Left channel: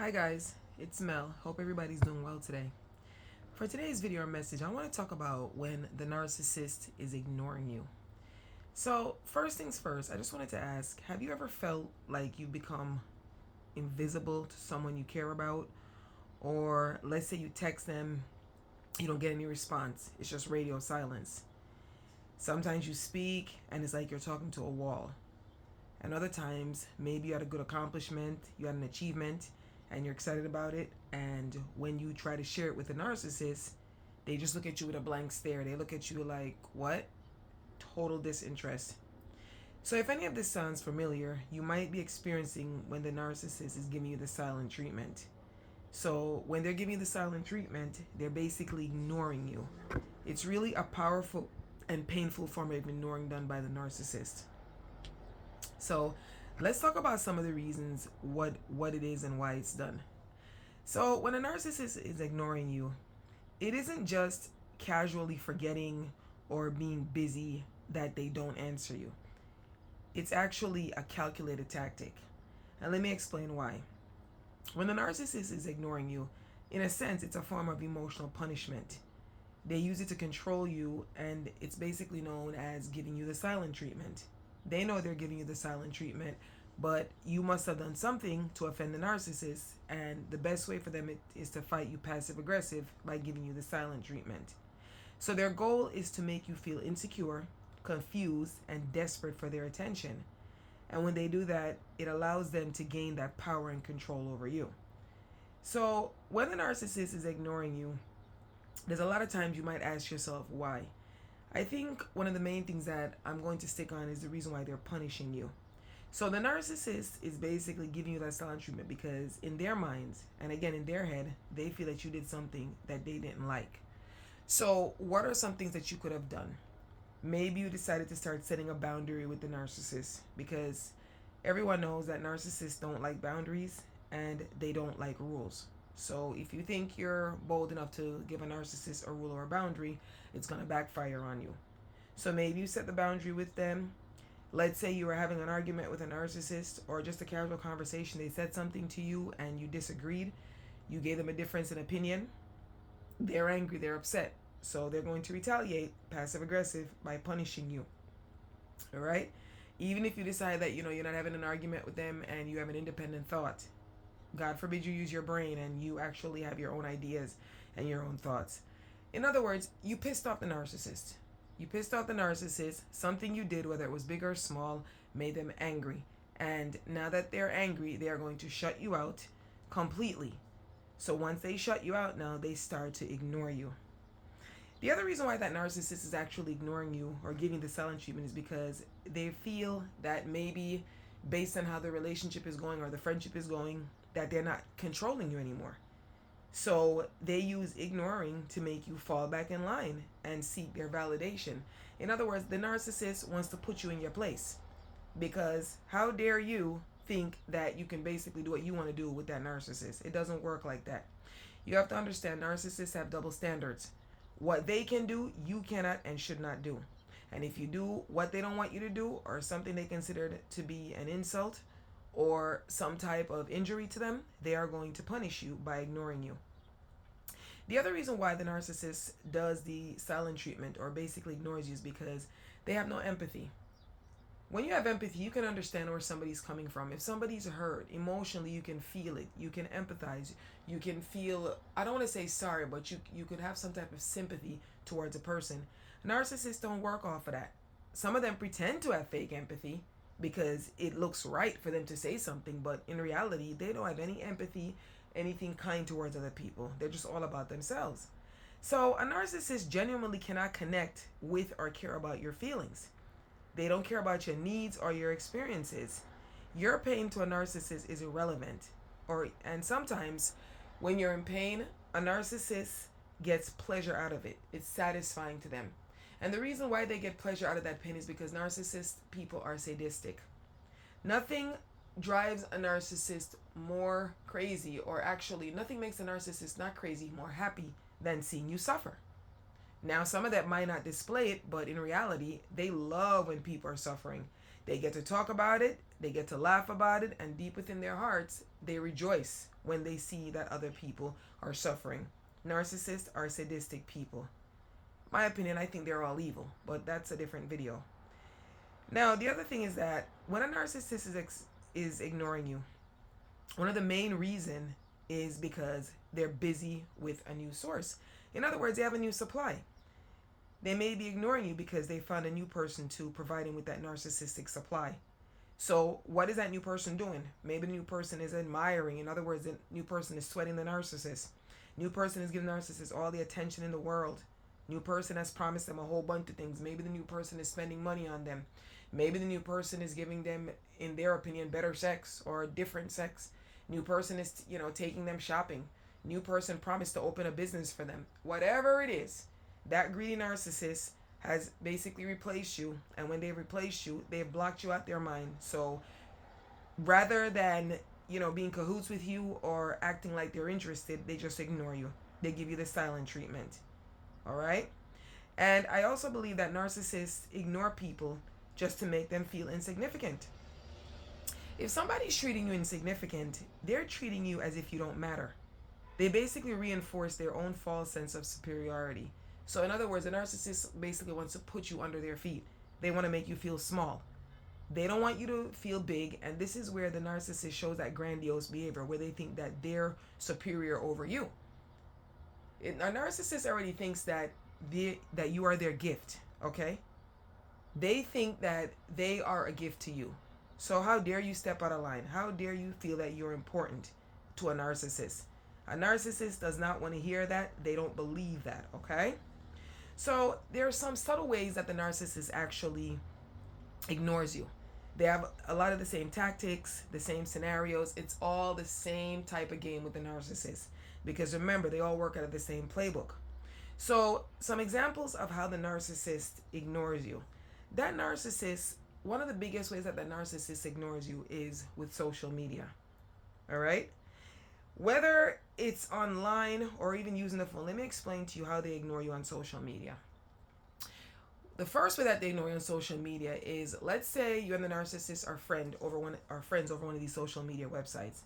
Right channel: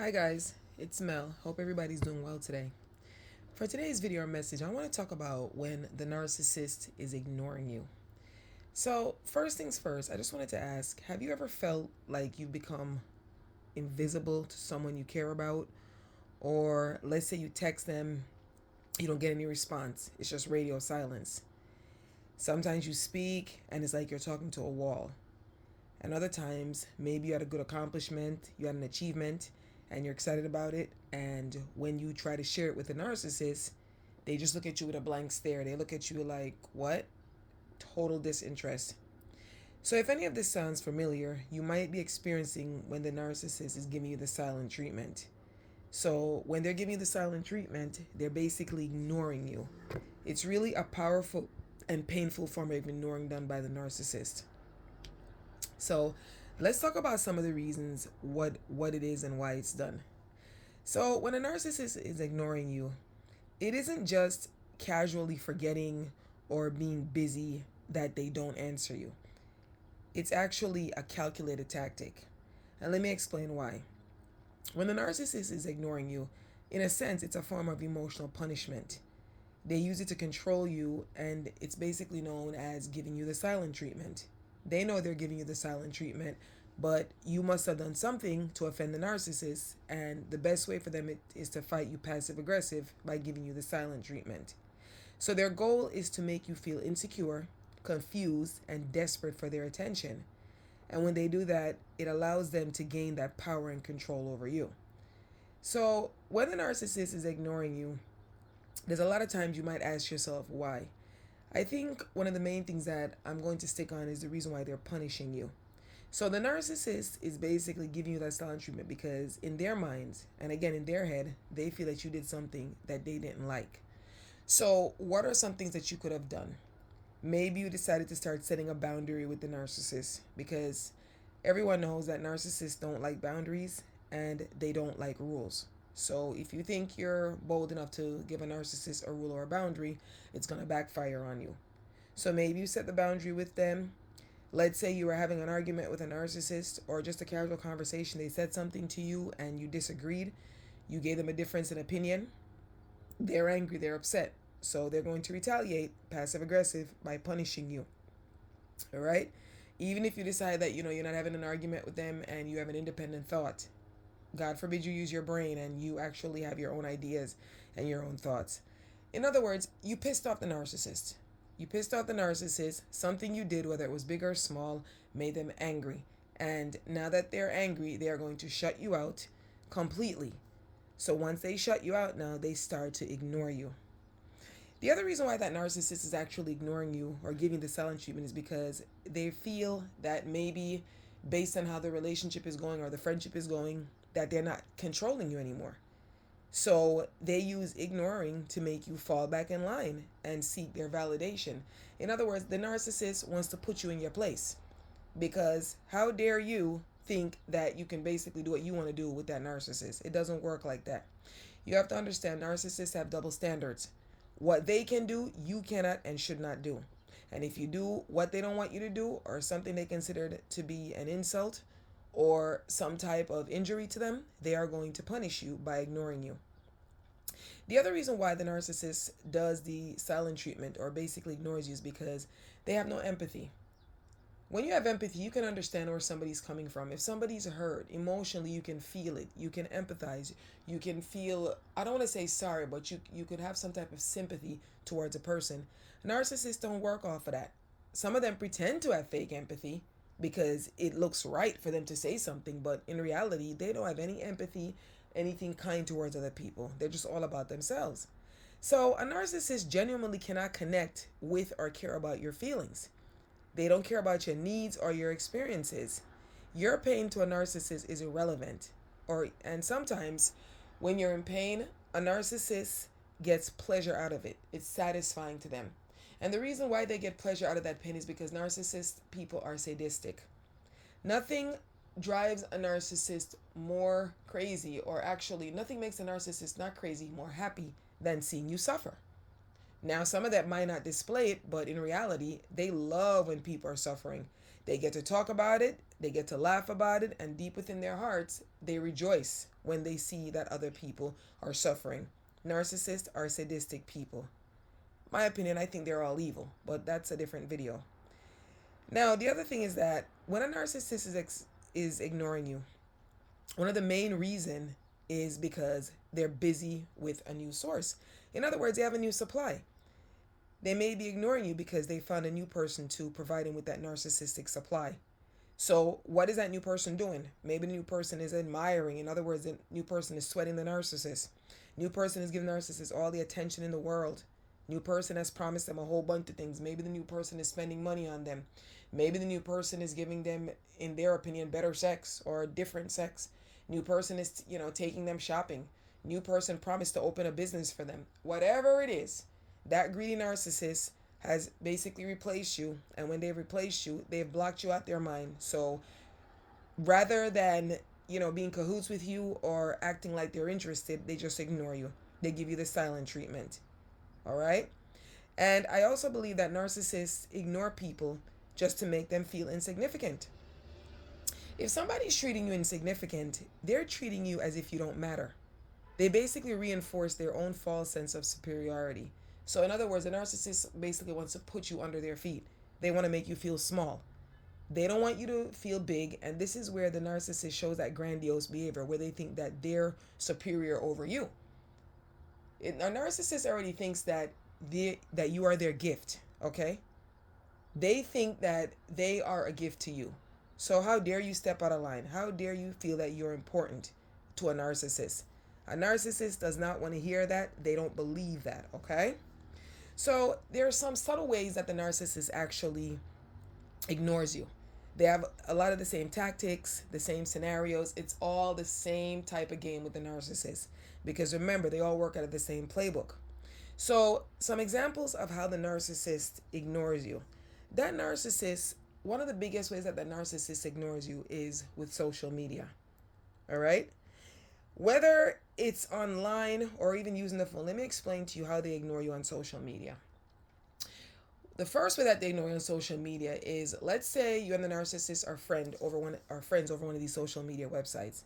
Hi guys, it's Mel. Hope everybody's doing well today. For today's video or message, I want to talk about when the narcissist is ignoring you. So, first things first, I just wanted to ask, have you ever felt like you've become invisible to someone you care about? Or let's say you text them, you don't get any response. It's just radio silence. Sometimes you speak and it's like you're talking to a wall. And other times, maybe you had a good accomplishment, you had an achievement, and you're excited about it. And when you try to share it with a narcissist, they just look at you with a blank stare. They look at you like, what? Total disinterest. So, if any of this sounds familiar, you might be experiencing when the narcissist is giving you the silent treatment. So, when they're giving you the silent treatment, they're basically ignoring you. It's really a powerful and painful form of ignoring done by the narcissist. So let's talk about some of the reasons what it is and why it's done. So when a narcissist is ignoring you, it isn't just casually forgetting or being busy that they don't answer you. It's actually a calculated tactic. And let me explain why. When the narcissist is ignoring you, in a sense, it's a form of emotional punishment. They use it to control you, and it's basically known as giving you the silent treatment. They know they're giving you the silent treatment, but you must have done something to offend the narcissist, and the best way for them is to fight you passive aggressive by giving you the silent treatment. So their goal is to make you feel insecure, confused, and desperate for their attention. And when they do that, it allows them to gain that power and control over you. So when the narcissist is ignoring you, there's a lot of times you might ask yourself why. I think one of the main things that I'm going to stick on is the reason why they're punishing you. So the narcissist is basically giving you that silent treatment because in their minds, and again in their head, they feel that you did something that they didn't like. So what are some things that you could have done? Maybe you decided to start setting a boundary with the narcissist because everyone knows that narcissists don't like boundaries and they don't like rules. So if you think you're bold enough to give a narcissist a rule or a boundary, it's going to backfire on you. So maybe you set the boundary with them. Let's say you were having an argument with a narcissist or just a casual conversation. They said something to you and you disagreed. You gave them a difference in opinion. They're angry, they're upset. So they're going to retaliate passive aggressive by punishing you. All right? Even if you decide that you're not having an argument with them and you have an independent thought. God forbid you use your brain and you actually have your own ideas and your own thoughts. In other words, you pissed off the narcissist. You pissed off the narcissist. Something you did, whether it was big or small, made them angry. And now that they're angry, they are going to shut you out completely. So once they shut you out now, they start to ignore you. The other reason why that narcissist is actually ignoring you or giving the silent treatment is because they feel that maybe based on how the relationship is going or the friendship is going, that they're not controlling you anymore. So they use ignoring to make you fall back in line and seek their validation. In other words, the narcissist wants to put you in your place because how dare you think that you can basically do what you want to do with that narcissist? It doesn't work like that. You have to understand narcissists have double standards. What they can do, you cannot and should not do. And if you do what they don't want you to do or something they consider to be an insult or some type of injury to them, they are going to punish you by ignoring you. The other reason why the narcissist does the silent treatment or basically ignores you is because they have no empathy. When you have empathy, you can understand where somebody's coming from. If somebody's hurt emotionally, you can feel it. You can empathize. You can feel, I don't want to say sorry, but you could have some type of sympathy towards a person. Narcissists don't work off of that. Some of them pretend to have fake empathy because it looks right for them to say something, but in reality, they don't have any empathy, anything kind towards other people. They're just all about themselves. So a narcissist genuinely cannot connect with or care about your feelings. They don't care about your needs or your experiences. Your pain to a narcissist is irrelevant. And sometimes when you're in pain, a narcissist gets pleasure out of it. It's satisfying to them. And the reason why they get pleasure out of that pain is because narcissist people are sadistic. Nothing drives a narcissist more crazy, or actually nothing makes a narcissist not crazy more happy than seeing you suffer. Now, some of that might not display it, but in reality, they love when people are suffering. They get to talk about it, they get to laugh about it, and deep within their hearts, they rejoice when they see that other people are suffering. Narcissists are sadistic people. My opinion, I think they're all evil, but that's a different video. Now, the other thing is that when a narcissist is ignoring you, one of the main reason is because they're busy with a new source. In other words, they have a new supply. They may be ignoring you because they found a new person to provide them with that narcissistic supply. So what is that new person doing? Maybe the new person is admiring. In other words, the new person is sweating the narcissist. New person is giving the narcissist all the attention in the world. New person has promised them a whole bunch of things. Maybe the new person is spending money on them. Maybe the new person is giving them, in their opinion, better sex or different sex. New person is, taking them shopping. New person promised to open a business for them. Whatever it is, that greedy narcissist has basically replaced you, and when they replace you, they've blocked you out their mind. So rather than being cahoots with you or acting like they're interested, they just ignore you. They give you the silent treatment. All right. And I also believe that narcissists ignore people just to make them feel insignificant. If somebody's treating you insignificant, they're treating you as if you don't matter. They basically reinforce their own false sense of superiority. So in other words, a narcissist basically wants to put you under their feet. They want to make you feel small. They don't want you to feel big, and this is where the narcissist shows that grandiose behavior, where they think that they're superior over you. A narcissist already thinks that you are their gift, okay? They think that they are a gift to you. So how dare you step out of line? How dare you feel that you're important to a narcissist? A narcissist does not want to hear that. They don't believe that, okay? So there are some subtle ways that the narcissist actually ignores you. They have a lot of the same tactics, the same scenarios. It's all the same type of game with the narcissist. Because remember, they all work out of the same playbook. So some examples of how the narcissist ignores you. That narcissist, one of the biggest ways that the narcissist ignores you is with social media. All right? Whether it's online or even using the phone, let me explain to you how they ignore you on social media. The first way that they ignore you on social media is, let's say you and the narcissist are friends over one of these social media websites.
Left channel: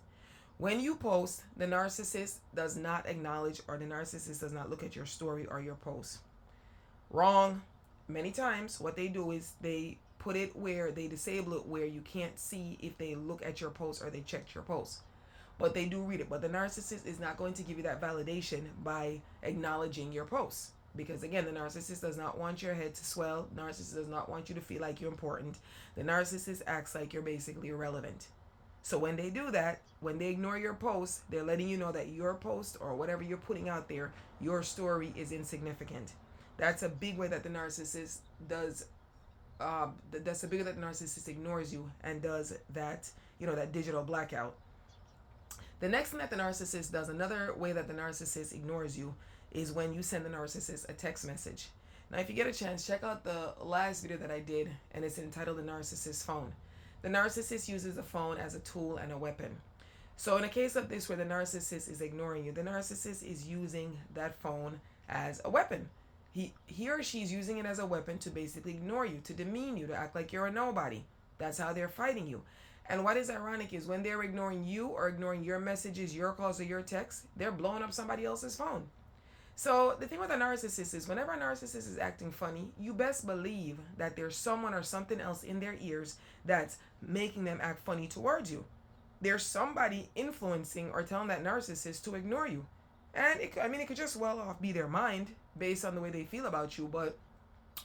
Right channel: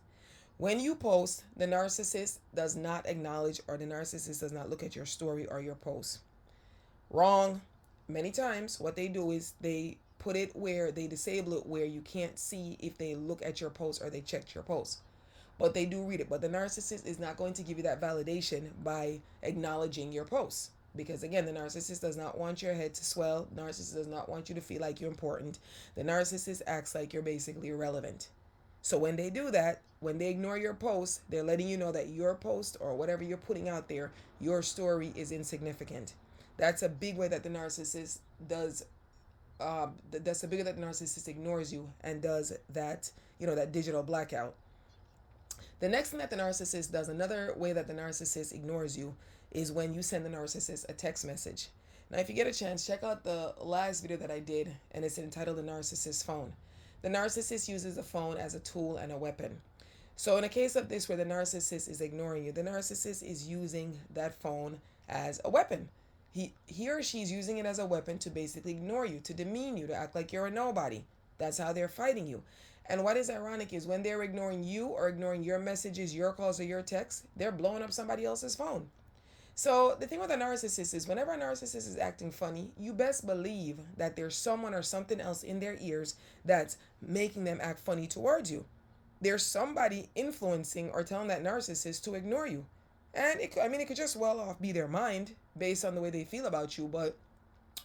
When you post, the narcissist does not acknowledge, or the narcissist does not look at your story or your post. Wrong. Many times what they do is they put it where they disable it, where you can't see if they look at your post or they checked your post. But they do read it. But the narcissist is not going to give you that validation by acknowledging your posts. Because again, the narcissist does not want your head to swell. The narcissist does not want you to feel like you're important. The narcissist acts like you're basically irrelevant. So when they do that, when they ignore your post, they're letting you know that your post or whatever you're putting out there, your story is insignificant. That's a big way that the narcissist does. That's a big way that the narcissist ignores you and does that, that digital blackout. The next thing that the narcissist does, another way that the narcissist ignores you, is when you send the narcissist a text message. Now, if you get a chance, check out the last video that I did, and it's entitled The Narcissist Phone. The narcissist uses the phone as a tool and a weapon. So in a case of this where the narcissist is ignoring you, the narcissist is using that phone as a weapon. He or she is using it as a weapon to basically ignore you, to demean you, to act like you're a nobody. That's how they're fighting you. And what is ironic is when they're ignoring you or ignoring your messages, your calls, or your texts, they're blowing up somebody else's phone. So the thing with a narcissist is whenever a narcissist is acting funny, you best believe that there's someone or something else in their ears that's making them act funny towards you. There's somebody influencing or telling that narcissist to ignore you. And it could just well off be their mind based on the way they feel about you. But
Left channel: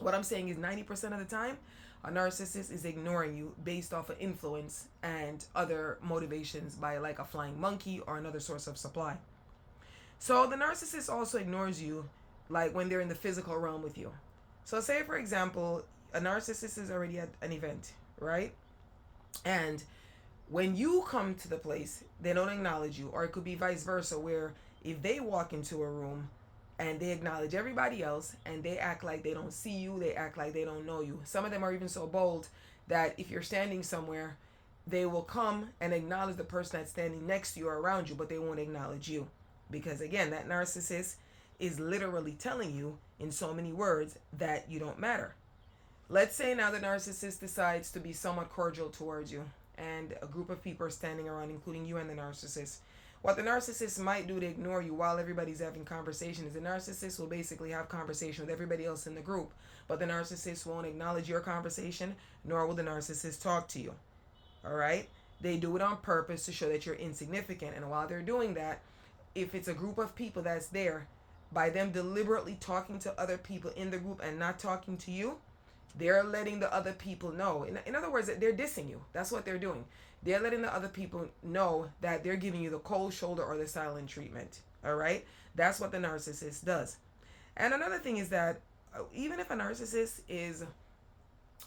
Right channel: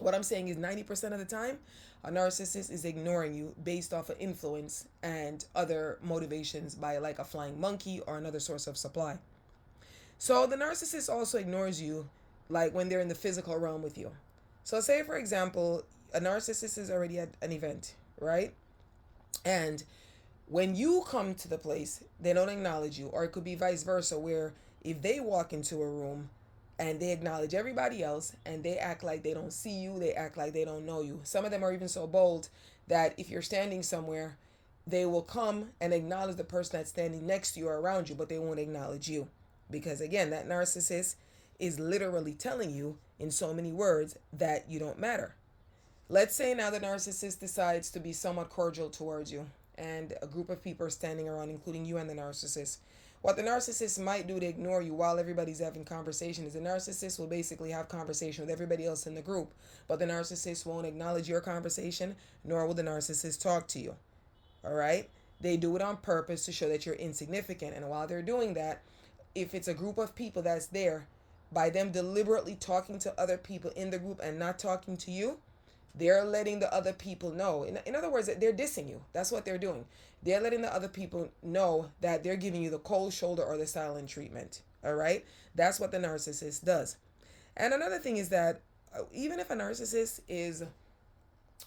what I'm saying is 90% of the time, a narcissist is ignoring you based off of influence and other motivations by like a flying monkey or another source of supply. So the narcissist also ignores you like when they're in the physical realm with you. So say, for example, a narcissist is already at an event, right? And when you come to the place, they don't acknowledge you. Or it could be vice versa, where if they walk into a room and they acknowledge everybody else and they act like they don't see you, they act like they don't know you. Some of them are even so bold that if you're standing somewhere, they will come and acknowledge the person that's standing next to you or around you, but they won't acknowledge you. Because again, that narcissist is literally telling you in so many words that you don't matter. Let's say now the narcissist decides to be somewhat cordial towards you, and a group of people are standing around, including you and the narcissist. What the narcissist might do to ignore you while everybody's having conversation is the narcissist will basically have conversation with everybody else in the group, but the narcissist won't acknowledge your conversation, nor will the narcissist talk to you. All right? They do it on purpose to show that you're insignificant. And while they're doing that, if it's a group of people that's there, by them deliberately talking to other people in the group and not talking to you, they're letting the other people know. In other words, they're dissing you. That's what they're doing. They're letting the other people know that they're giving you the cold shoulder or the silent treatment. All right? That's what the narcissist does. And another thing is that even if a narcissist is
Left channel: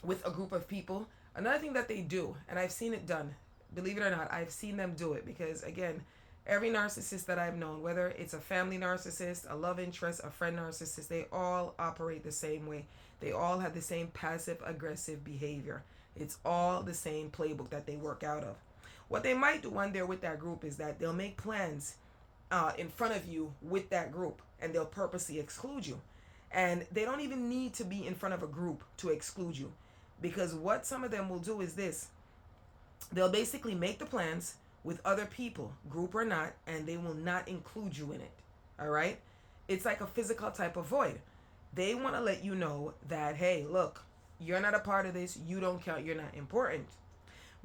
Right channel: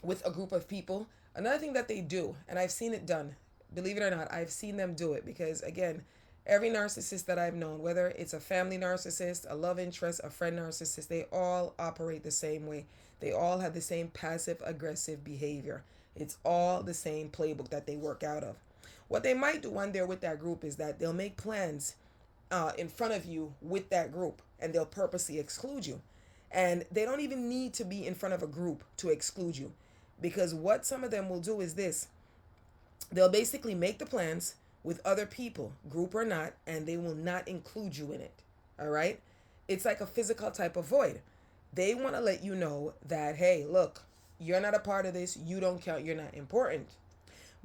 with a group of people, another thing that they do, and I've seen it done, believe it or not, I've seen them do it because, again, every narcissist that I've known, whether it's a family narcissist, a love interest, a friend narcissist, they all operate the same way. They all have the same passive aggressive behavior. It's all the same playbook that they work out of. What they might do when they're with that group is that they'll make plans in front of you with that group, and they'll purposely exclude you. And they don't even need to be in front of a group to exclude you, because what some of them will do is this: they'll basically make the plans with other people, group or not, and they will not include you in it. All right? It's like a physical type of void. They want to let you know that, hey, look, you're not a part of this. You don't count. You're not important.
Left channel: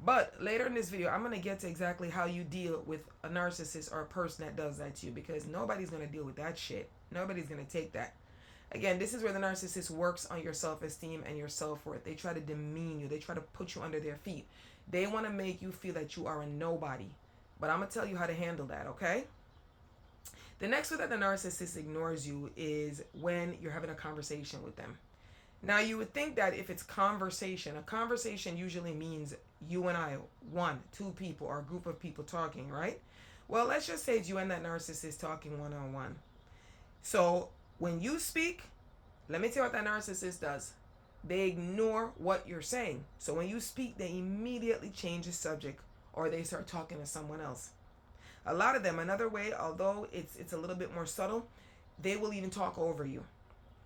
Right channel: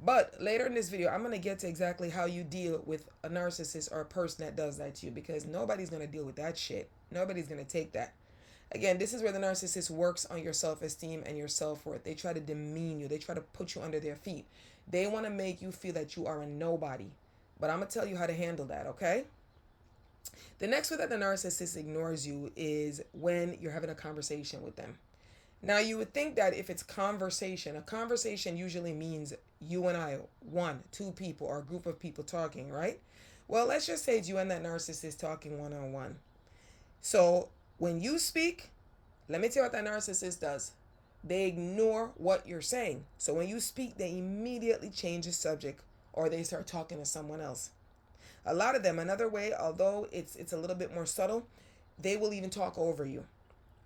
But later in this video, I'm going to get to exactly how you deal with a narcissist or a person that does that to you, because nobody's going to deal with that shit. Nobody's going to take that. Again, this is where the narcissist works on your self-esteem and your self-worth. They try to demean you. They try to put you under their feet. They want to make you feel that you are a nobody. But I'm going to tell you how to handle that, okay? The next way that the narcissist ignores you is when you're having a conversation with them. Now, you would think that if it's conversation, a conversation usually means you and I, one, two people, or a group of people talking, right? Well, let's just say it's you and that narcissist talking one-on-one. So when you speak, let me tell you what that narcissist does. They ignore what you're saying. So when you speak, they immediately change the subject, or they start talking to someone else. A lot of them, another way, although it's a little bit more subtle, they will even talk over you.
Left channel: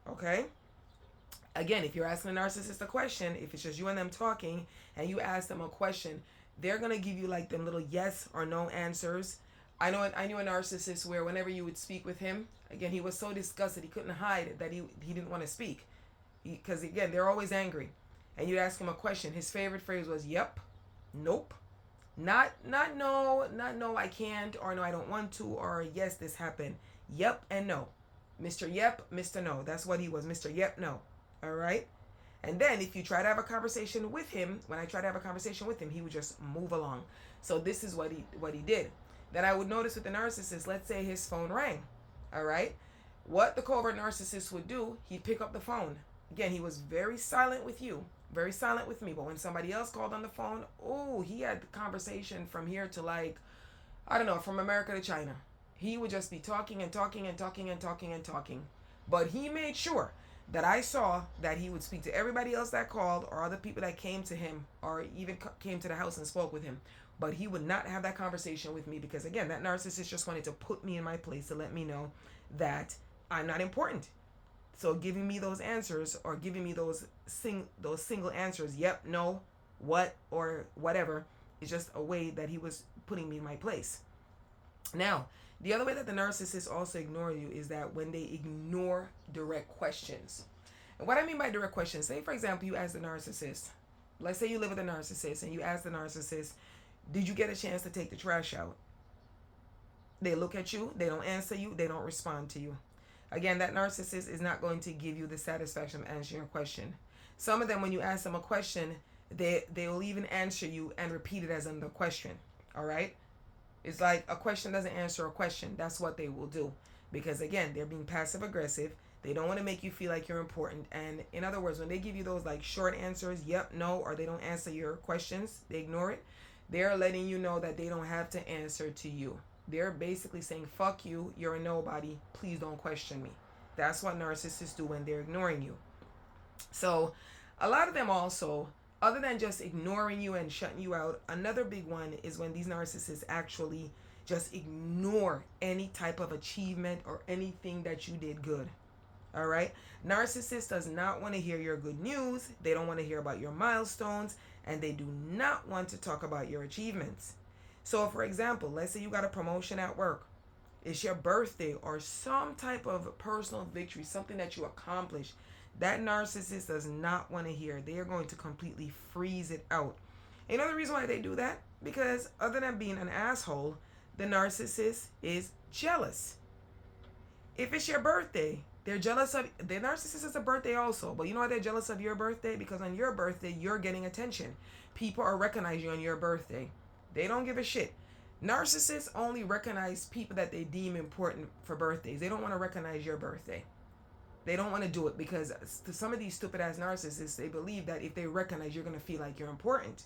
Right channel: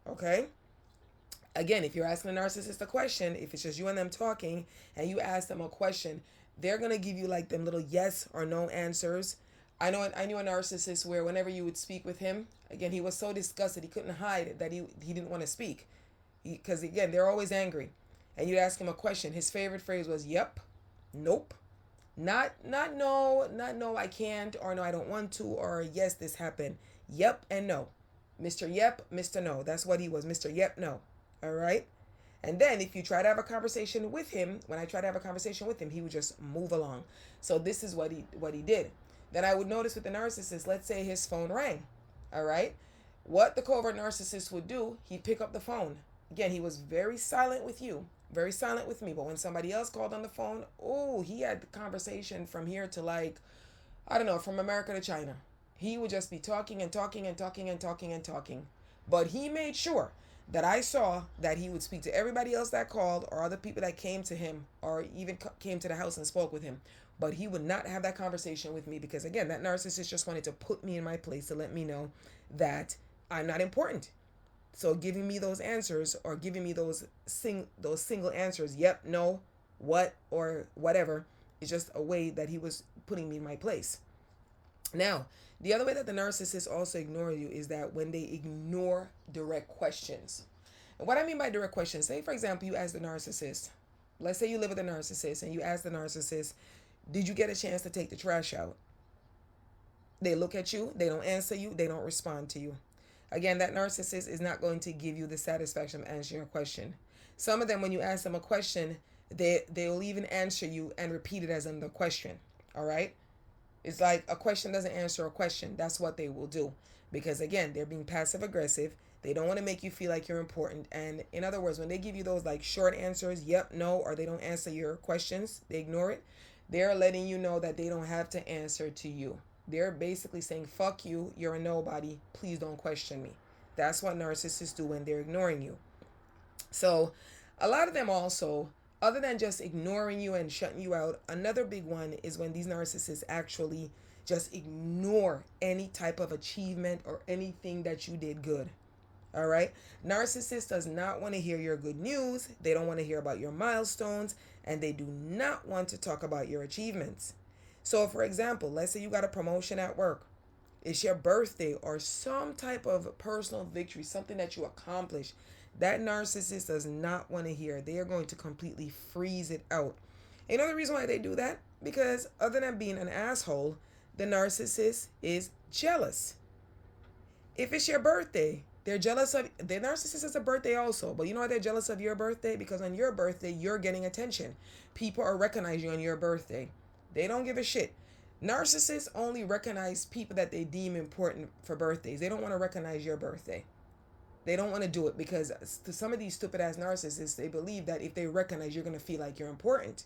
Okay? Again, if you're asking a narcissist a question, if it's just you and them talking and you ask them a question, they're going to give you like them little yes or no answers. I knew a narcissist where whenever you would speak with him, again, he was so disgusted, he couldn't hide that he didn't want to speak. Because again, they're always angry. And you'd ask him a question. His favorite phrase was, yep, nope, not no, I can't, or no, I don't want to, or yes, this happened. Yep and no. Mr. Yep, Mr. No. That's what he was, Mr. Yep, no. All right? And then if you try to have a conversation with him, when I try to have a conversation with him, he would just move along. So this is what he did. Then I would notice with the narcissist, let's say his phone rang. All right? What the covert narcissist would do, he'd pick up the phone. Again, he was very silent with you, very silent with me. But when somebody else called on the phone, oh, he had the conversation from here to like, I don't know, from America to China. He would just be talking and talking and talking and talking and talking. But he made sure that I saw that he would speak to everybody else that called, or other people that came to him, or even came to the house and spoke with him. But he would not have that conversation with me because, again, that narcissist just wanted to put me in my place to let me know that I'm not important. So giving me those answers, or giving me those single answers, yep, no, what, or whatever, is just a way that he was putting me in my place. Now, the other way that the narcissist also ignore you is that when they ignore direct questions. And what I mean by direct questions, say for example, you ask the narcissist, let's say you live with a narcissist and you ask the narcissist, did you get a chance to take the trash out? They look at you, they don't answer you, they don't respond to you. Again, that narcissist is not going to give you the satisfaction of answering your question. Some of them, when you ask them a question, they will even answer you and repeat it as another question. All right? It's like a question doesn't answer a question. That's what they will do. Because again, they're being passive aggressive. They don't want to make you feel like you're important. And in other words, when they give you those like short answers, yep, no, or they don't answer your questions, they ignore it, they're letting you know that they don't have to answer to you. They're basically saying, fuck you, you're a nobody, please don't question me. That's what narcissists do when they're ignoring you. So a lot of them also, other than just ignoring you and shutting you out, another big one is when these narcissists actually just ignore any type of achievement or anything that you did good. All right? Narcissist does not want to hear your good news. They don't want to hear about your milestones, and they do not want to talk about your achievements. So, for example, let's say you got a promotion at work, it's your birthday or some type of personal victory, something that you accomplish. That narcissist does not want to hear. They are going to completely freeze it out. Another reason why they do that, because other than being an asshole, the narcissist is jealous. If it's your birthday, they're jealous of the narcissist is a birthday also, but you know why they're jealous of your birthday? Because on your birthday, you're getting attention. People are recognizing you on your birthday. They don't give a shit. Narcissists only recognize people that they deem important for birthdays. They don't want to recognize your birthday. They don't want to do it because to some of these stupid ass narcissists, they believe that if they recognize, you're going to feel like you're important.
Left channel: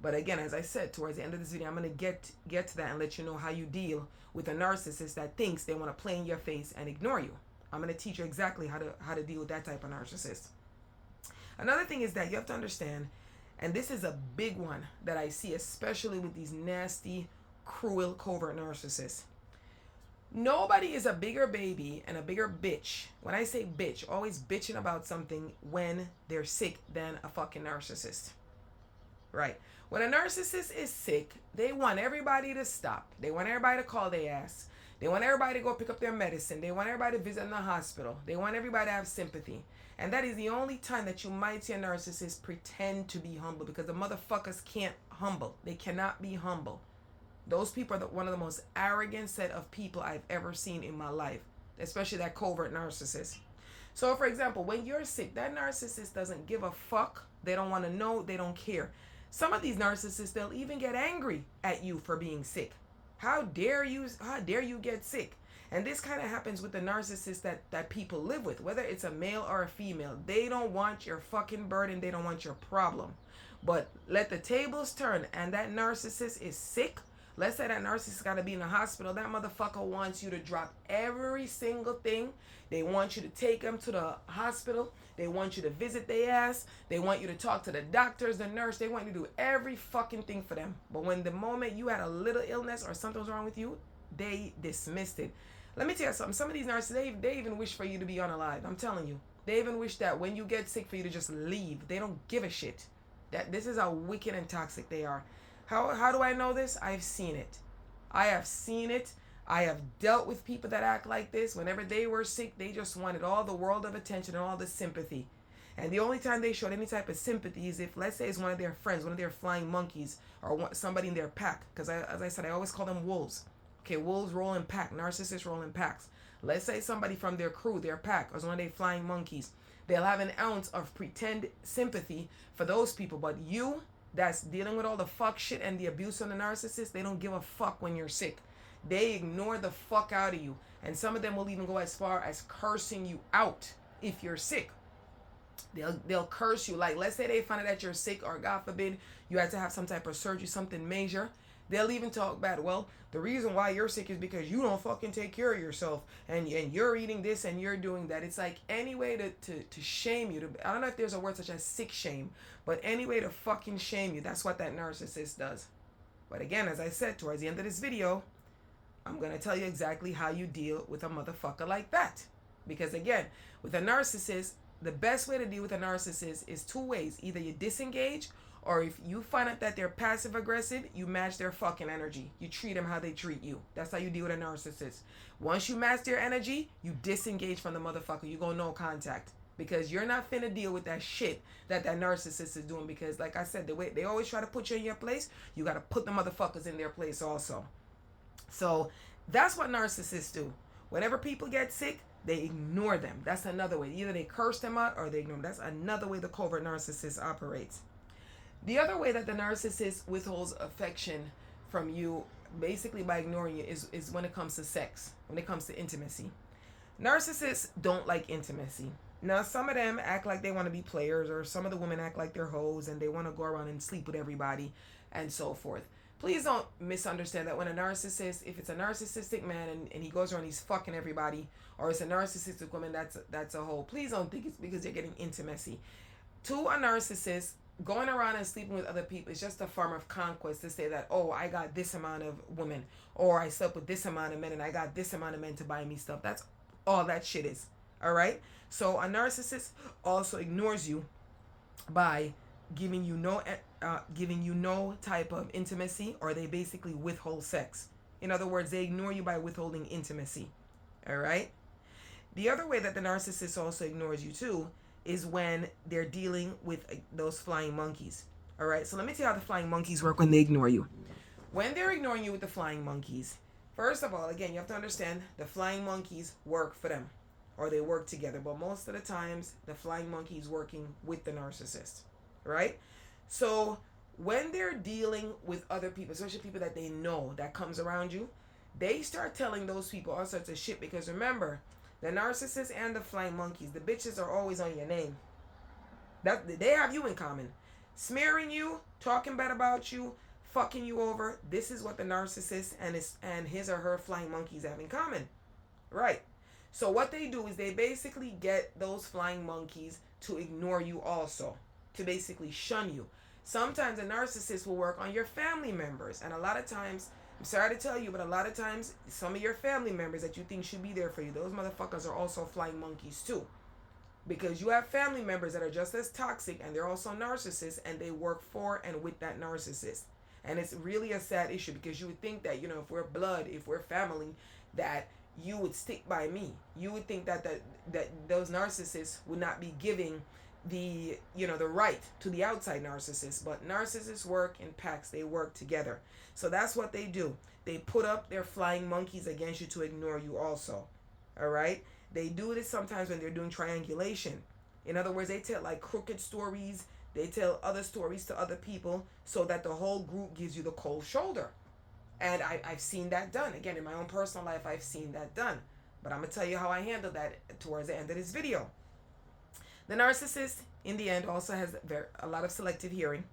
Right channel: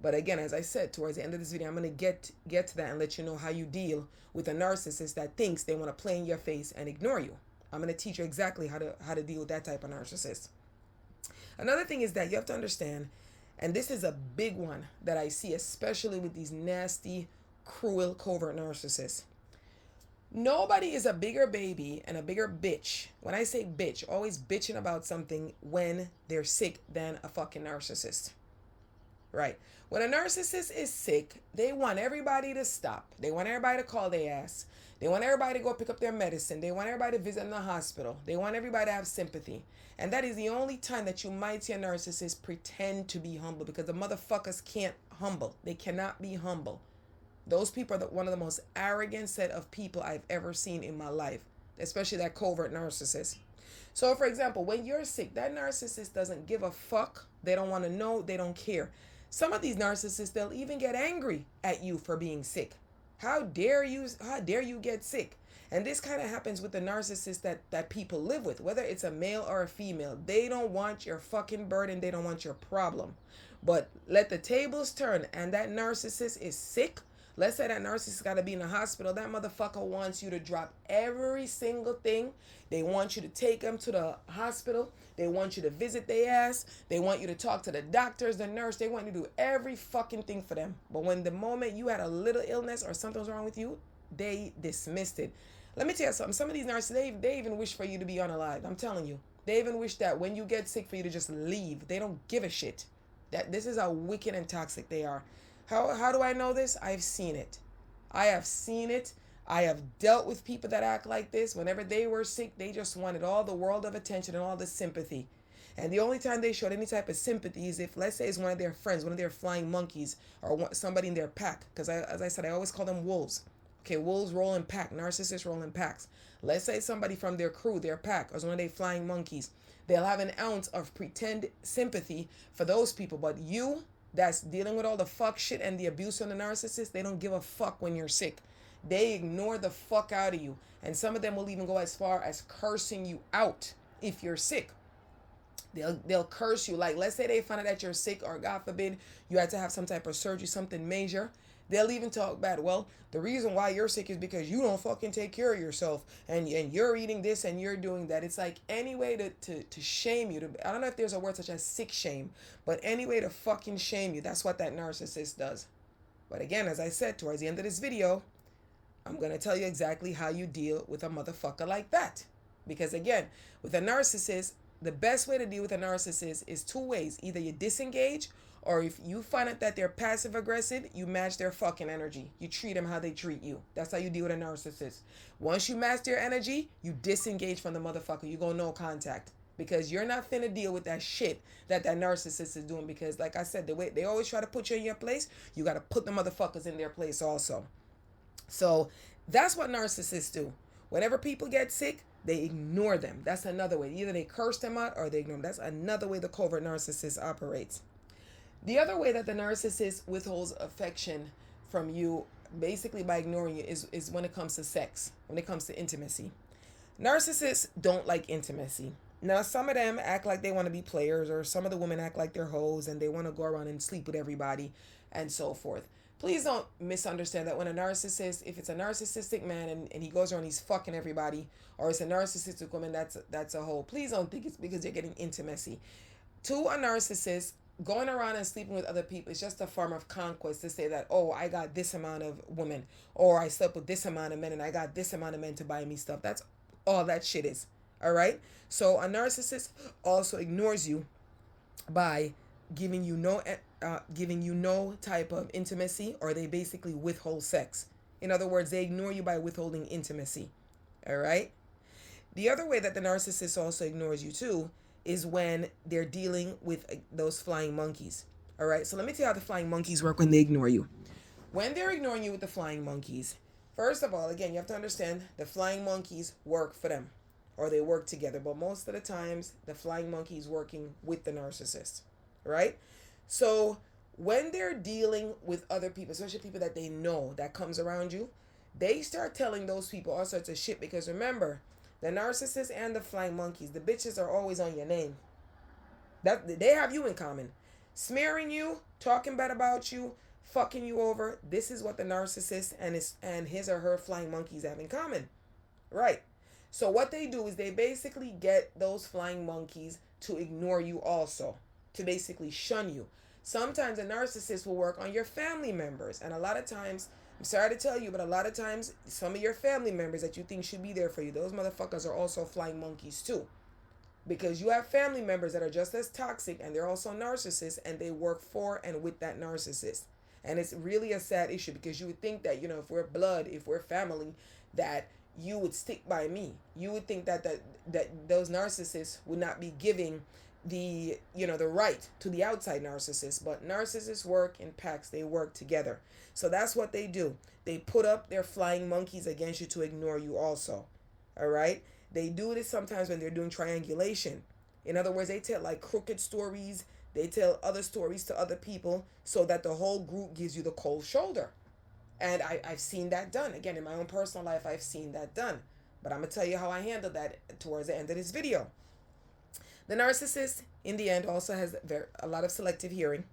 But again, as I said, towards the end of this video, I'm going to get to that and let you know how you deal with a narcissist that thinks they want to play in your face and ignore you. I'm going to teach you exactly how to deal with that type of narcissist. Another thing is that you have to understand, and this is a big one that I see, especially with these nasty, cruel, covert narcissists. Nobody is a bigger baby and a bigger bitch. When I say bitch, always bitching about something when they're sick than a fucking narcissist. Right. When a narcissist is sick, they want everybody to stop. They want everybody to call their ass. They want everybody to go pick up their medicine. They want everybody to visit in the hospital. They want everybody to have sympathy. And that is the only time that you might see a narcissist pretend to be humble, because the motherfuckers can't humble. They cannot be humble. Those people are one of the most arrogant set of people I've ever seen in my life, especially that covert narcissist. So, for example, when you're sick, that narcissist doesn't give a fuck. They don't want to know. They don't care. Some of these narcissists, they'll even get angry at you for being sick. How dare you get sick? And this kind of happens with the narcissists that people live with, whether it's a male or a female. They don't want your fucking burden. They don't want your problem. But let the tables turn and that narcissist is sick. Let's say that narcissist got to be in the hospital. That motherfucker wants you to drop every single thing. They want you to take them to the hospital. They want you to visit their ass. They want you to talk to the doctors, the nurse. They want you to do every fucking thing for them. But when the moment you had a little illness or something was wrong with you, they dismissed it. Let me tell you something. Some of these narcissists, they even wish for you to be unalive. I'm telling you. They even wish that when you get sick for you to just leave. They don't give a shit. This is how wicked and toxic they are. How do I know this? I've seen it. I have seen it. I have dealt with people that act like this. Whenever they were sick, they just wanted all the world of attention and all the sympathy. And the only time they showed any type of sympathy is if, let's say, it's one of their friends, one of their flying monkeys, or somebody in their pack. Because as I said, I always call them wolves. Okay, wolves roll in pack. Narcissists roll in packs. Let's say somebody from their crew, their pack, or one of their flying monkeys. They'll have an ounce of pretend sympathy for those people. But you, that's dealing with all the fuck shit and the abuse on the narcissist, they don't give a fuck when you're sick. They ignore the fuck out of you. And some of them will even go as far as cursing you out if you're sick. They'll curse you. Like, let's say they find out that you're sick, or God forbid, you had to have some type of surgery, something major. They'll even talk bad. Well, the reason why you're sick is because you don't fucking take care of yourself, and you're eating this and you're doing that. It's like any way to shame you. I don't know if there's a word such as sick shame, but any way to fucking shame you. That's what that narcissist does. But again, as I said, towards the end of this video, I'm going to tell you exactly how you deal with a motherfucker like that. Because again, with a narcissist, the best way to deal with a narcissist is two ways. Either you disengage, or if you find out that they're passive aggressive, you match their fucking energy. You treat them how they treat you. That's how you deal with a narcissist. Once you match their energy, you disengage from the motherfucker. You go no contact. Because you're not finna deal with that shit that narcissist is doing. Because like I said, the way they always try to put you in your place, you got to put the motherfuckers in their place also. So that's what narcissists do. Whenever people get sick, they ignore them. That's another way. Either they curse them out or they ignore them. That's another way the covert narcissist operates. The other way that the narcissist withholds affection from you, basically by ignoring you, is when it comes to sex, when it comes to intimacy. Narcissists don't like intimacy. Now, some of them act like they want to be players, or some of the women act like they're hoes and they want to go around and sleep with everybody and so forth. Please don't misunderstand that when a narcissist, if it's a narcissistic man and he goes around, he's fucking everybody, or it's a narcissistic woman, that's a hoe. Please don't think it's because you're getting intimacy. To a narcissist, going around and sleeping with other people is just a form of conquest to say that, oh, I got this amount of women, or I slept with this amount of men and I got this amount of men to buy me stuff. That's all that shit is. All right? So a narcissist also ignores you by giving you no giving you no type of intimacy, or they basically withhold sex. In other words, they ignore you by withholding intimacy. All right. The other way that the narcissist also ignores you too is when they're dealing with those flying monkeys. All right. So let me tell you how the flying monkeys work when they ignore you. When they're ignoring you with the flying monkeys, first of all, again, you have to understand the flying monkeys work for them, or they work together. But most of the times, the flying monkey is working with the narcissist, right? So when they're dealing with other people, especially people that they know that comes around you, they start telling those people all sorts of shit. Because remember, the narcissist and the flying monkeys, the bitches are always on your name. That they have you in common, smearing you, talking bad about you, fucking you over. This is what the narcissist and his or her flying monkeys have in common, right? So what they do is they basically get those flying monkeys to ignore you also, to basically shun you. Sometimes a narcissist will work on your family members, and a lot of times, I'm sorry to tell you, but a lot of times some of your family members that you think should be there for you, those motherfuckers are also flying monkeys too. Because you have family members that are just as toxic, and they're also narcissists, and they work for and with that narcissist. And it's really a sad issue, because you would think that, if we're blood, if we're family, that you would stick by me. You would think that those narcissists would not be giving the right to the outside narcissist. But narcissists work in packs. They work together. So that's what they do. They put up their flying monkeys against you to ignore you also. All right? They do this sometimes when they're doing triangulation. In other words, they tell like crooked stories. They tell other stories to other people so that the whole group gives you the cold shoulder. And I've seen that done. Again, in my own personal life, I've seen that done. But I'm going to tell you how I handled that towards the end of this video. The narcissist, in the end, also has a lot of selective hearing.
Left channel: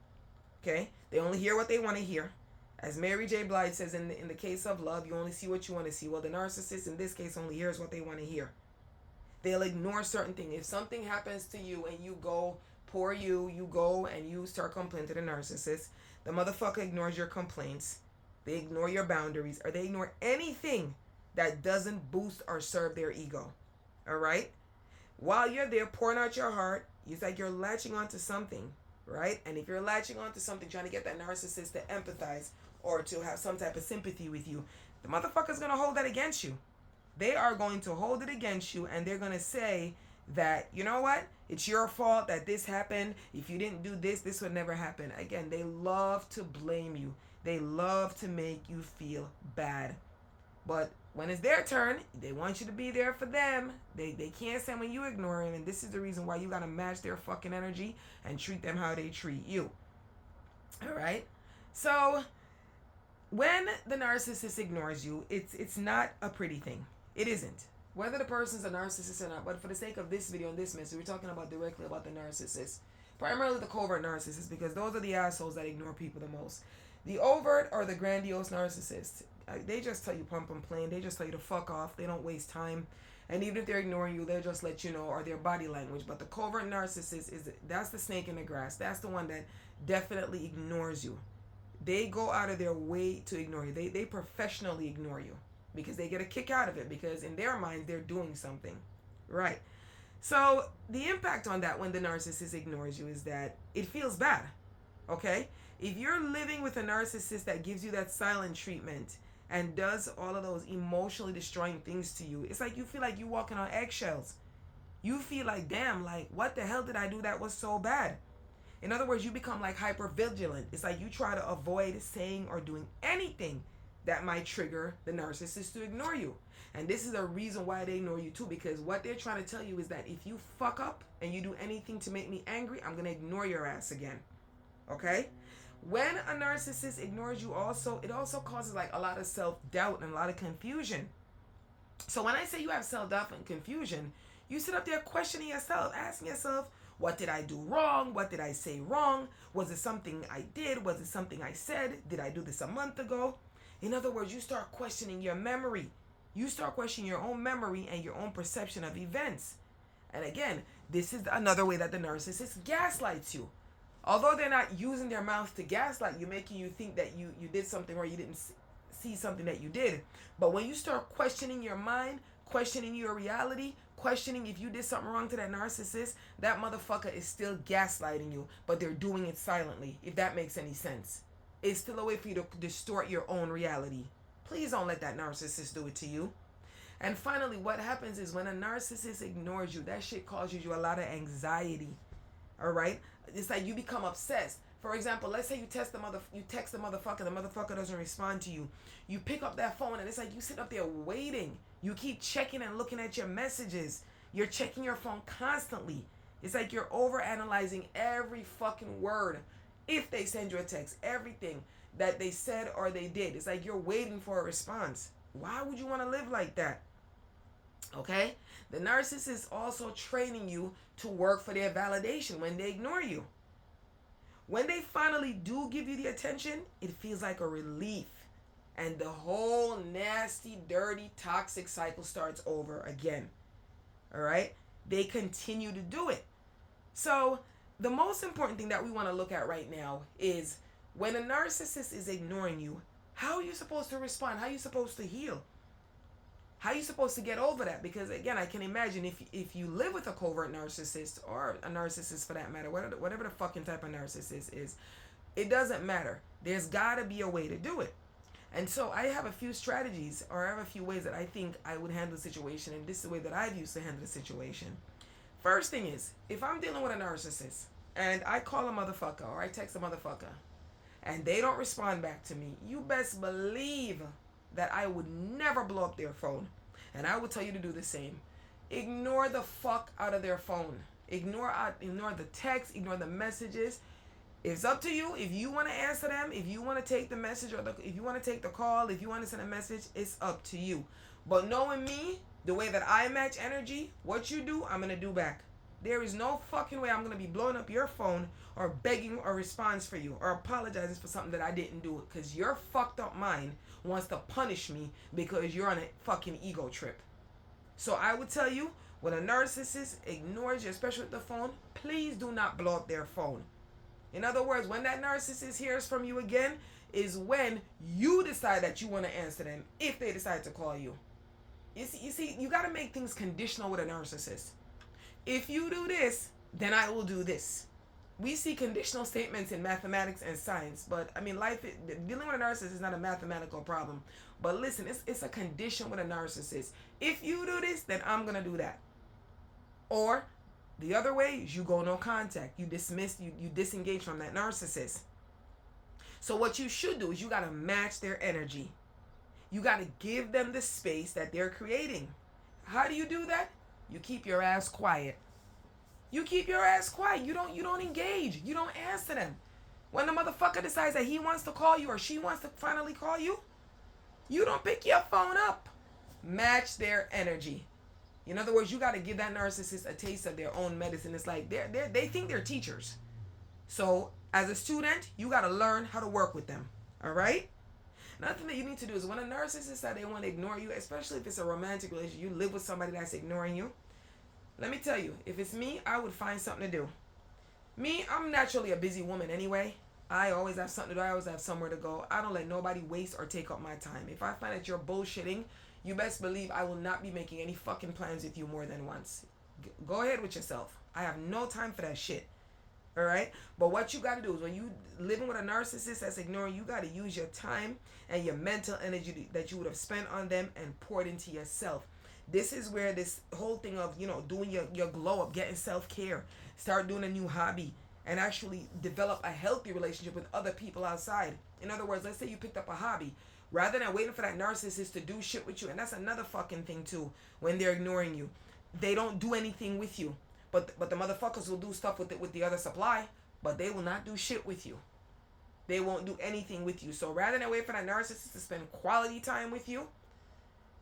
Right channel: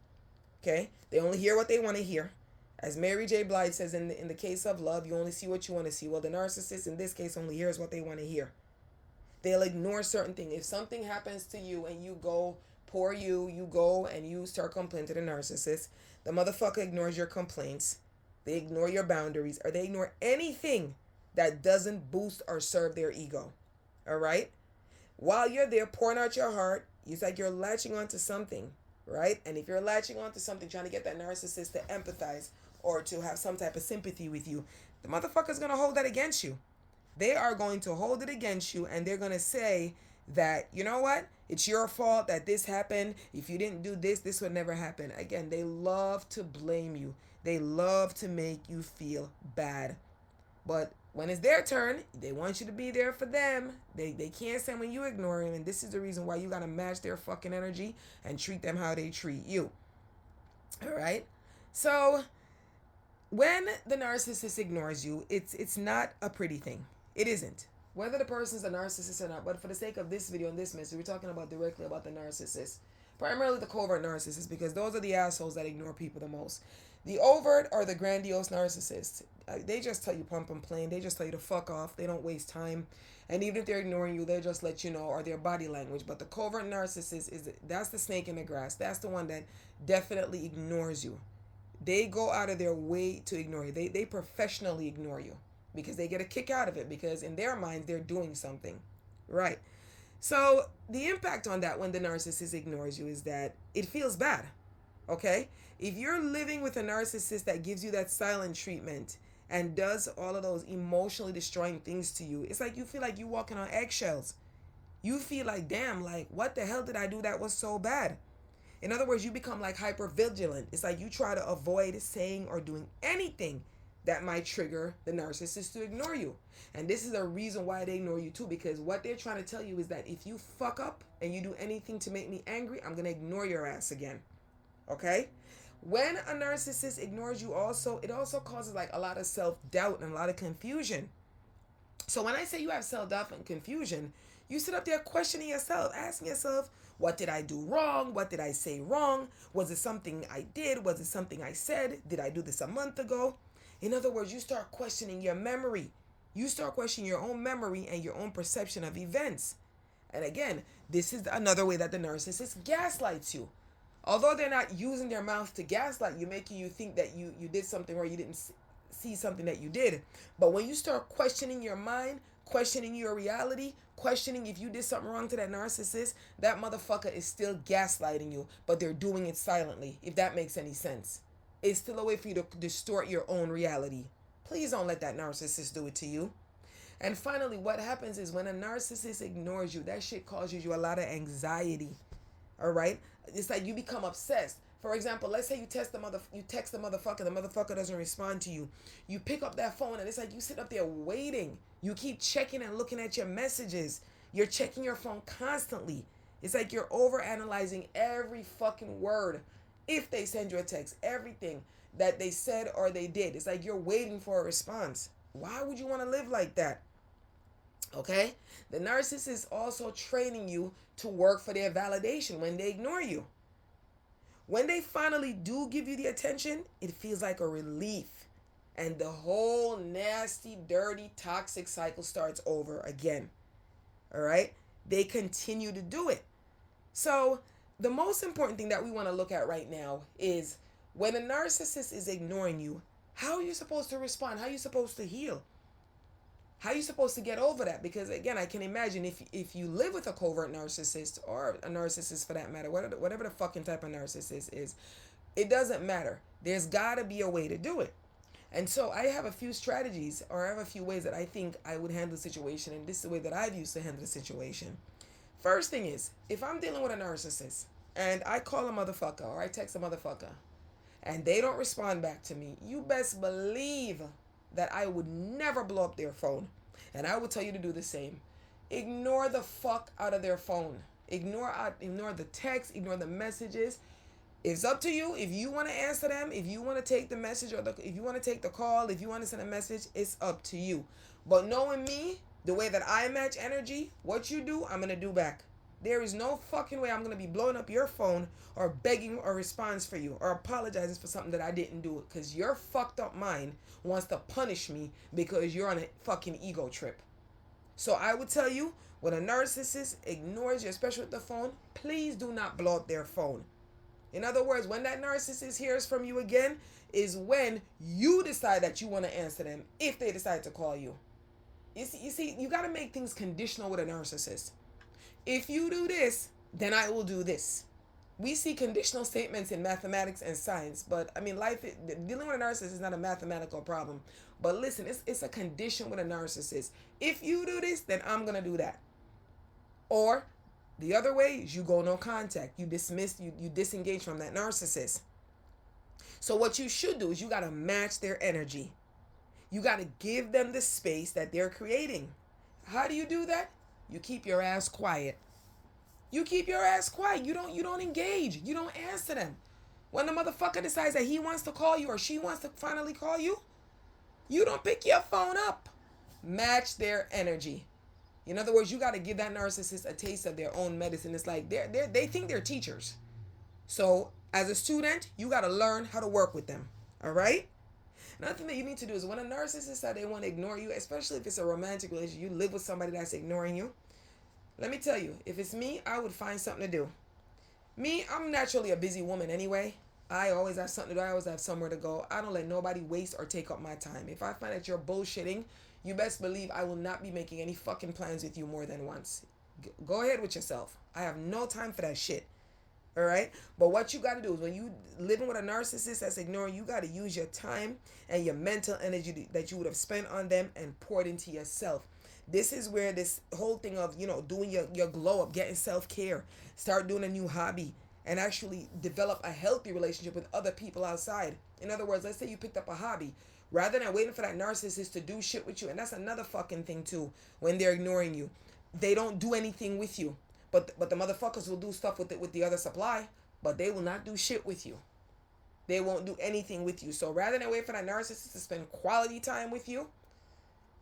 Okay? They only hear what they want to hear. As Mary J. Blige says, in the case of love, you only see what you want to see. Well, the narcissist, in this case, only hears what they want to hear. They'll ignore certain things. If something happens to you and you go, you go and you start complaining to the narcissist, the motherfucker ignores your complaints. They ignore your boundaries, or they ignore anything that doesn't boost or serve their ego. All right? While you're there pouring out your heart, it's like you're latching onto something, right? And if you're latching onto something, trying to get that narcissist to empathize or to have some type of sympathy with you, the motherfucker's going to hold that against you. They are going to hold it against you, and they're going to say that, you know what? It's your fault that this happened. If you didn't do this, this would never happen. Again, they love to blame you. They love to make you feel bad. But when it's their turn, they want you to be there for them. They can't stand when you ignore them. And this is the reason why you got to match their fucking energy and treat them how they treat you. All right? So when the narcissist ignores you, it's not a pretty thing. It isn't. Whether the person's a narcissist or not, but for the sake of this video and this message, we're talking about directly about the narcissist. Primarily the covert narcissist, because those are the assholes that ignore people the most. The overt or the grandiose narcissists, they just tell you pump and plain. They just tell you to fuck off. They don't waste time. And even if they're ignoring you, they'll just let you know, or their body language. But the covert narcissist, that's the snake in the grass. That's the one that definitely ignores you. They go out of their way to ignore you. They professionally ignore you because they get a kick out of it, because in their minds, they're doing something. Right? So the impact on that when the narcissist ignores you is that it feels bad. Okay? If you're living with a narcissist that gives you that silent treatment and does all of those emotionally destroying things to you, it's like you feel like you're walking on eggshells. You feel like, damn, like, what the hell did I do that was so bad? In other words, you become like hyper vigilant. It's like you try to avoid saying or doing anything that might trigger the narcissist to ignore you. And this is a reason why they ignore you too, because what they're trying to tell you is that if you fuck up and you do anything to make me angry, I'm going to ignore your ass again. Okay? When a narcissist ignores you also, it also causes like a lot of self-doubt and a lot of confusion. So when I say you have self-doubt and confusion, you sit up there questioning yourself, asking yourself, what did I do wrong? What did I say wrong? Was it something I did? Was it something I said? Did I do this a month ago? In other words, you start questioning your memory. You start questioning your own memory and your own perception of events. And again, this is another way that the narcissist gaslights you. Although they're not using their mouth to gaslight you, making you think that you did something or you didn't see something that you did. But when you start questioning your mind, questioning your reality, questioning if you did something wrong to that narcissist, that motherfucker is still gaslighting you, but they're doing it silently, if that makes any sense. It's still a way for you to distort your own reality. Please don't let that narcissist do it to you. And finally, what happens is when a narcissist ignores you, that shit causes you a lot of anxiety. All right? It's like you become obsessed. For example, let's say you text the motherfucker doesn't respond to you. You pick up that phone and it's like you sit up there waiting. You keep checking and looking at your messages. You're checking your phone constantly. It's like you're overanalyzing every fucking word. If they send you a text, everything that they said or they did. It's like you're waiting for a response. Why would you want to live like that? Okay? The narcissist is also training you to work for their validation when they ignore you. When they finally do give you the attention, it feels like a relief. And the whole nasty, dirty, toxic cycle starts over again. All right? They continue to do it. So, the most important thing that we want to look at right now is when a narcissist is ignoring you, how are you supposed to respond? How are you supposed to heal? How are you supposed to get over that? Because again, I can imagine if you live with a covert narcissist or a narcissist for that matter, whatever the fucking type of narcissist is, it doesn't matter. There's got to be a way to do it. And so I have a few strategies, or I have a few ways that I think I would handle the situation, and this is the way that I've used to handle the situation. First thing is, if I'm dealing with a narcissist and I call a motherfucker or I text a motherfucker and they don't respond back to me, you best believe that I would never blow up their phone. And I would tell you to do the same. Ignore the fuck out of their phone. Ignore the text, ignore the messages. It's up to you. If you want to answer them, if you want to take the message or if you want to take the call, if you want to send a message, it's up to you. But knowing me, the way that I match energy, what you do, I'm going to do back. There is no fucking way I'm going to be blowing up your phone or begging a response for you or apologizing for something that I didn't do. Because your fucked up mind wants to punish me because you're on a fucking ego trip. So I would tell you, when a narcissist ignores you, especially with the phone, please do not blow up their phone. In other words, when that narcissist hears from you again is when you decide that you want to answer them if they decide to call you. You see, you got to make things conditional with a narcissist. If you do this, then I will do this. We see conditional statements in mathematics and science, but I mean, dealing with a narcissist is not a mathematical problem. But listen, it's a condition with a narcissist. If you do this, then I'm going to do that. Or the other way is you go no contact. You dismiss, you disengage from that narcissist. So what you should do is you got to match their energy. You got to give them the space that they're creating. How do you do that? You keep your ass quiet. You keep your ass quiet. You don't engage. You don't answer them. When the motherfucker decides that he wants to call you or she wants to finally call you, you don't pick your phone up. Match their energy. In other words, you got to give that narcissist a taste of their own medicine. It's like they think they're teachers. So as a student, you got to learn how to work with them. All right? Another thing that you need to do is when a narcissist says they want to ignore you, especially if it's a romantic relationship, you live with somebody that's ignoring you. Let me tell you, if it's me, I would find something to do. Me, I'm naturally a busy woman anyway. I always have something to do. I always have somewhere to go. I don't let nobody waste or take up my time. If I find that you're bullshitting, you best believe I will not be making any fucking plans with you more than once. Go ahead with yourself. I have no time for that shit. All right? But what you got to do is when you living with a narcissist that's ignoring you, got to use your time and your mental energy that you would have spent on them and poured into yourself. This is where this whole thing of, doing your glow up, getting self-care, start doing a new hobby, and actually develop a healthy relationship with other people outside. In other words, let's say you picked up a hobby. Rather than waiting for that narcissist to do shit with you, and that's another fucking thing too, when they're ignoring you. They don't do anything with you. But the motherfuckers will do stuff with the other supply, but they will not do shit with you. They won't do anything with you. So rather than wait for that narcissist to spend quality time with you,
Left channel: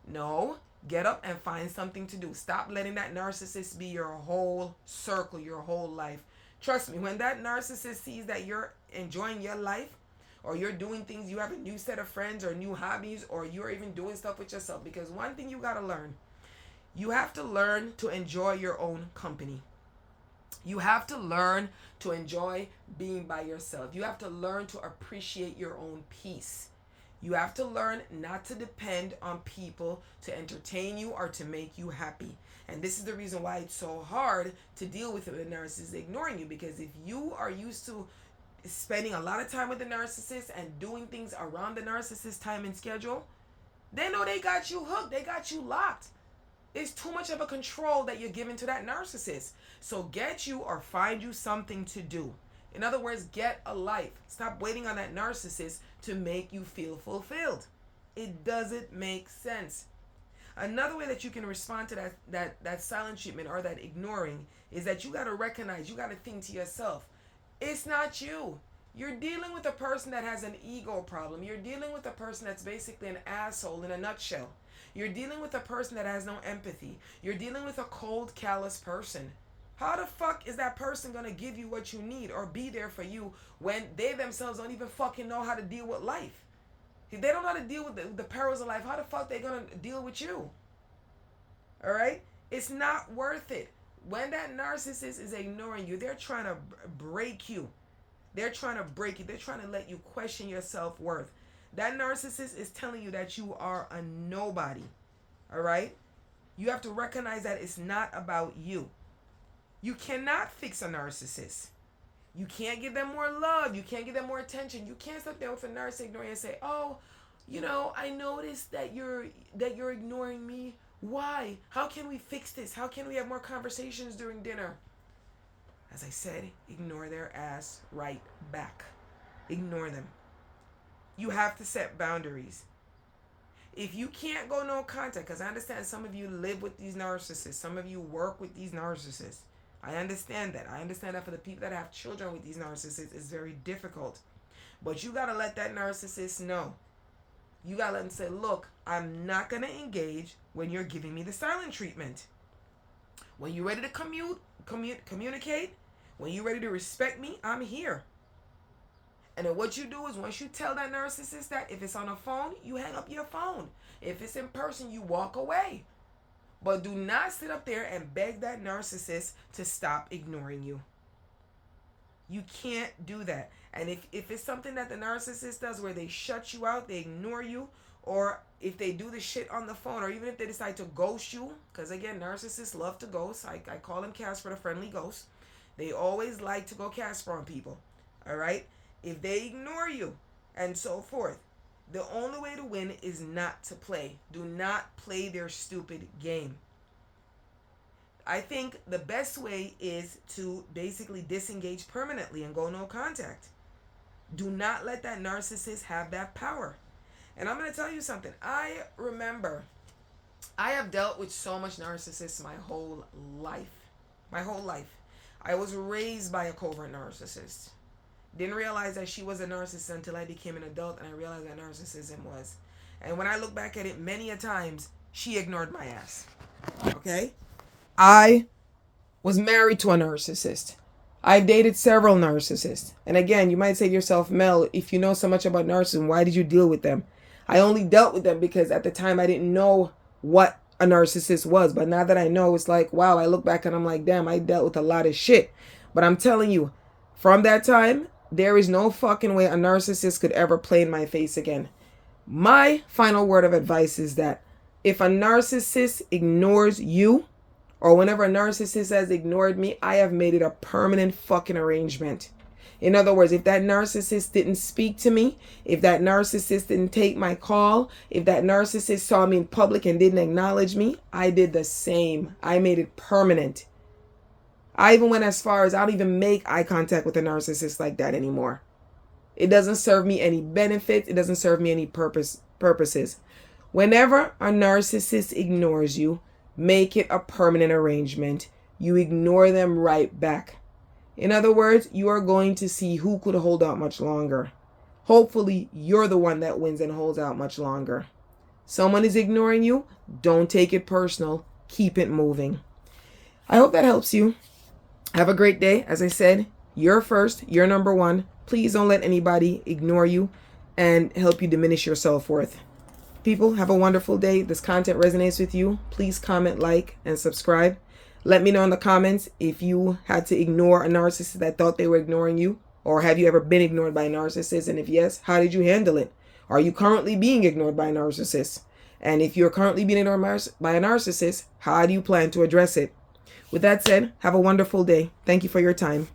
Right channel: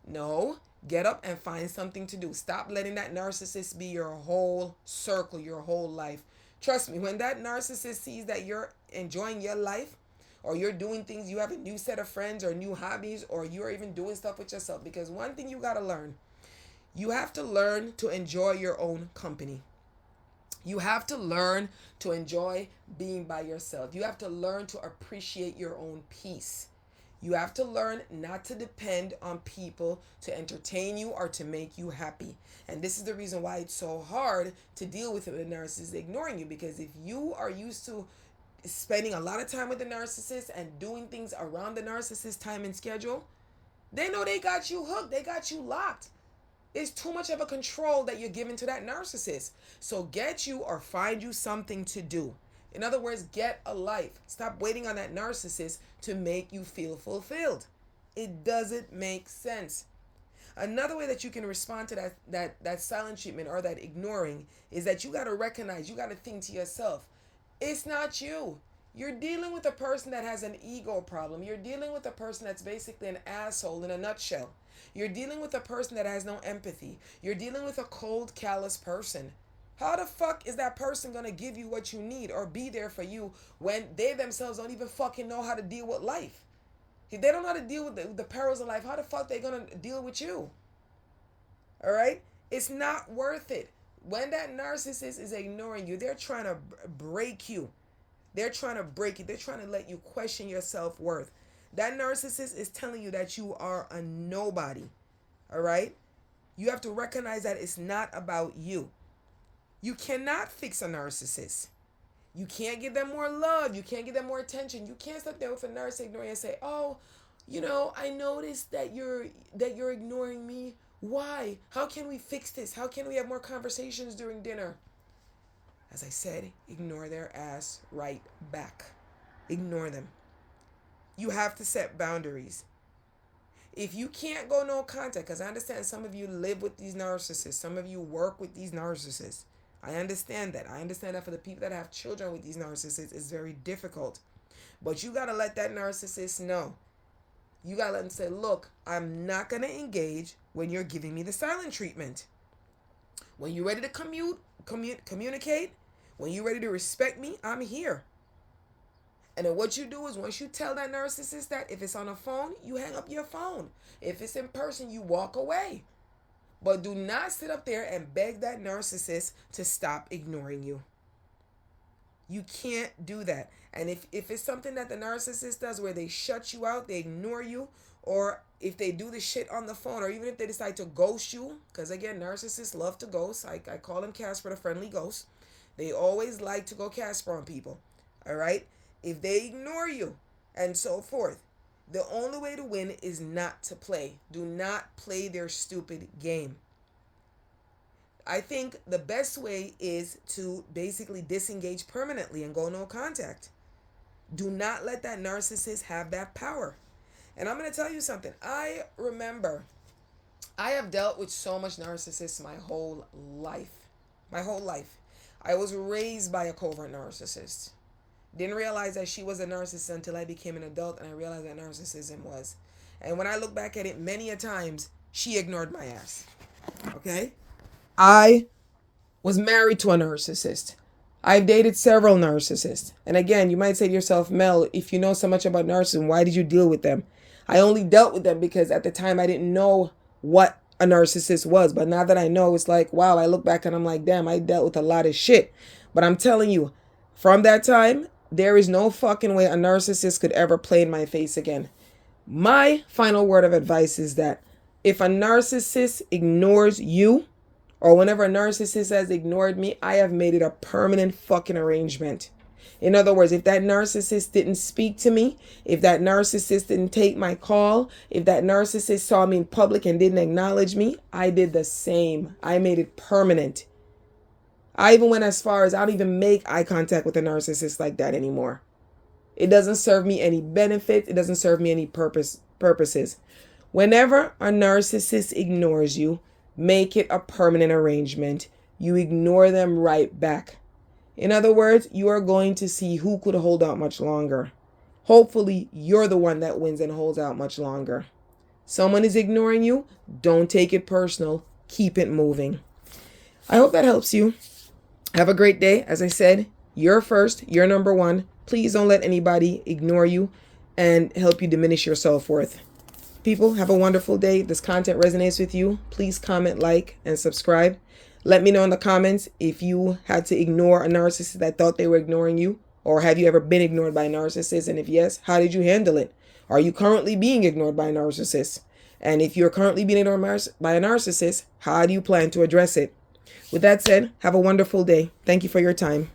no, get up and find something to do. Stop letting that narcissist be your whole circle, your whole life. Trust me, when that narcissist sees that you're enjoying your life, or you're doing things, you have a new set of friends or new hobbies, or you're even doing stuff with yourself. Because one thing you got to learn, you have to learn to enjoy your own company. You have to learn to enjoy being by yourself. You have to learn to appreciate your own peace. You have to learn not to depend on people to entertain you or to make you happy. And this is the reason why it's so hard to deal with a narcissist ignoring you, because if you are used to spending a lot of time with the narcissist and doing things around the narcissist time and schedule, they know they got you hooked. They got you locked. It's too much of a control that you're giving to that narcissist. So get you or find you something to do. In other words, get a life. Stop waiting on that narcissist to make you feel fulfilled. It doesn't make sense. Another way that you can respond to that silent treatment or that ignoring is that you got to recognize, you got to think to yourself, it's not you. You're dealing with a person that has an ego problem. You're dealing with a person that's basically an asshole in a nutshell. You're dealing with a person that has no empathy. You're dealing with a cold, callous person. How the fuck is that person going to give you what you need or be there for you when they themselves don't even fucking know how to deal with life? If they don't know how to deal with the perils of life, how the fuck they going to deal with you? All right? It's not worth it. When that narcissist is ignoring you, they're trying to break you. They're trying to break you. They're trying to let you question your self-worth. That narcissist is telling you that you are a nobody. All right? You have to recognize that it's not about you. You cannot fix a narcissist. You can't give them more love. You can't give them more attention. You can't sit there with a narcissist ignoring and say, "Oh, I noticed that you're ignoring me. Why? How can we fix this? How can we have more conversations during dinner?" As I said, ignore their ass right back. Ignore them. You have to set boundaries. If you can't go no contact, because I understand some of you live with these narcissists, some of you work with these narcissists. I understand that. I understand that for the people that have children with these narcissists, it's very difficult. But you got to let that narcissist know. You got to let them say, "Look, I'm not going to engage when you're giving me the silent treatment. When you're ready to communicate, when you're ready to respect me, I'm here." And then what you do is, once you tell that narcissist that, if it's on a phone, you hang up your phone. If it's in person, you walk away. But do not sit up there and beg that narcissist to stop ignoring you. You can't do that. And if it's something that the narcissist does where they shut you out, they ignore you, or if they do the shit on the phone, or even if they decide to ghost you, because again, narcissists love to ghost. I call them Casper the Friendly Ghost. They always like to go Casper on people. All right? If they ignore you and so forth, the only way to win is not to play. Do not play their stupid game. I think the best way is to basically disengage permanently and go no contact. Do not let that narcissist have that power. And I'm going to tell you something. I remember I have dealt with so much narcissists my whole life. My whole life. I was raised by a covert narcissist. Didn't realize that she was a narcissist until I became an adult and I realized that narcissism was. And when I look back at it, many a times, she ignored my ass. Okay? I was married to a narcissist. I dated several narcissists. And again, you might say to yourself, "Mel, if you know so much about narcissism, why did you deal with them?" I only dealt with them because at the time I didn't know what a narcissist was. But now that I know, it's like, wow, I look back and I'm like, damn, I dealt with a lot of shit. But I'm telling you, from that time, there is no fucking way a narcissist could ever play in my face again. My final word of advice is that if a narcissist ignores you, or whenever a narcissist has ignored me, I have made it a permanent fucking arrangement. In other words, if that narcissist didn't speak to me, if that narcissist didn't take my call, if that narcissist saw me in public and didn't acknowledge me, I did the same. I made it permanent. I even went as far as I don't even make eye contact with a narcissist like that anymore. It doesn't serve me any benefit. It doesn't serve me any purposes. Whenever a narcissist ignores you, make it a permanent arrangement. You ignore them right back. In other words, you are going to see who could hold out much longer. Hopefully, you're the one that wins and holds out much longer. Someone is ignoring you. Don't take it personal. Keep it moving. I hope that helps you. Have a great day. As I said, you're first. You're number one. Please don't let anybody ignore you and help you diminish your self-worth. People, have a wonderful day. If this content resonates with you, please comment, like, and subscribe. Let me know in the comments if you had to ignore a narcissist that thought they were ignoring you, or have you ever been ignored by a narcissist? And if yes, how did you handle it? Are you currently being ignored by a narcissist? And if you're currently being ignored by a narcissist, how do you plan to address it? With that said, have a wonderful day. Thank you for your time.